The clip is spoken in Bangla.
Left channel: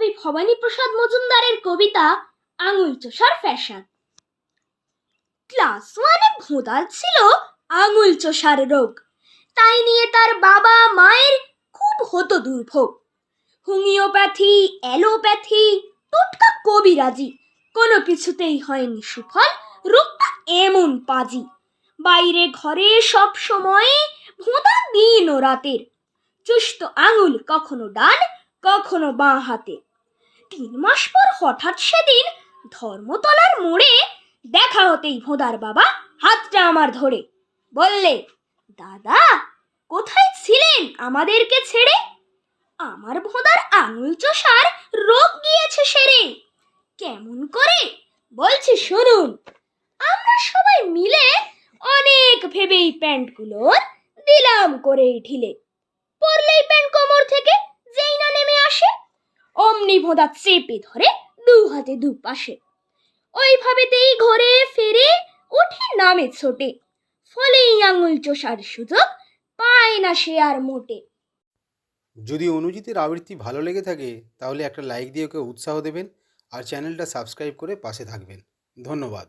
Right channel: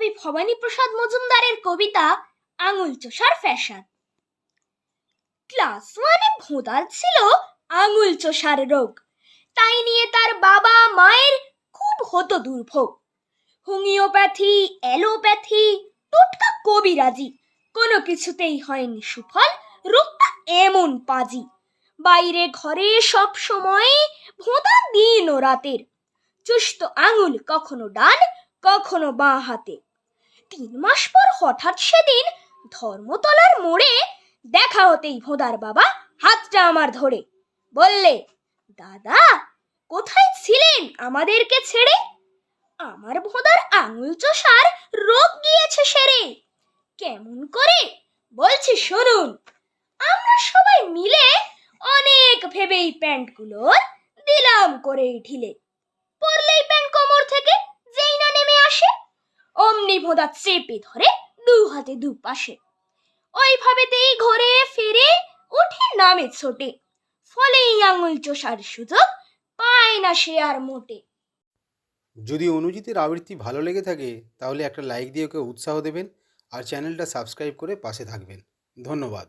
কবি ভবানীপ্রসাদ মজুমদারের কবিতা আঙুল চোষার ফ্যাশন। ক্লাস 1-এ ভোঁদার ছিল আঙুল চোষার রোগ। তাই নিয়ে তার বাবা মায়ের খুব হতো দুর্ভোগ। হোমিওপ্যাথি, অ্যালোপ্যাথি, টোটকা কবিরাজি, কোনো কিছুতেই হয়নি সুফল। রোগটা এমন পাজি, বাইরে ঘরে সব সময় ভোঁদা দিন ও রাতের। চুষত আঙুল কখনো ডান, কখনো বাঁ হাতে। 3 মাস পর হঠাৎ সেদিন ধর্মতলার মোড়ে দেখা হতেই ভোঁদার বাবা হাতটা আমার ধরে বললে, দাদা কোথায় ছিলেন আমাদেরকে ছেড়ে? আমার ভোঁদার আঙুল চোষার রোগ গিয়েছে সেরে। কেমন করে বলছি শুনুন। আমরা সবাই মিলে অনেক ভেবেই প্যান্টগুলোর দিলাম করে ঢিলে। পরলেই প্যান্ট কোমর থেকে যেই না নেমে আসে, অমনি ভোঁদা চেপে ধরে 2 হাতে 2 পাশে। ওইভাবেতেই ঘরে ফিরে উঠে নামে ছোটে। ফলে এই আঙুল চোষার সুযোগ পায় না সে আর মোটে। যদি অনুজিতের আবৃত্তি ভালো লেগে থাকে তাহলে একটা লাইক দিয়ে ওকে উৎসাহ দেবেন আর চ্যানেলটা সাবস্ক্রাইব করে পাশে থাকবেন। ধন্যবাদ।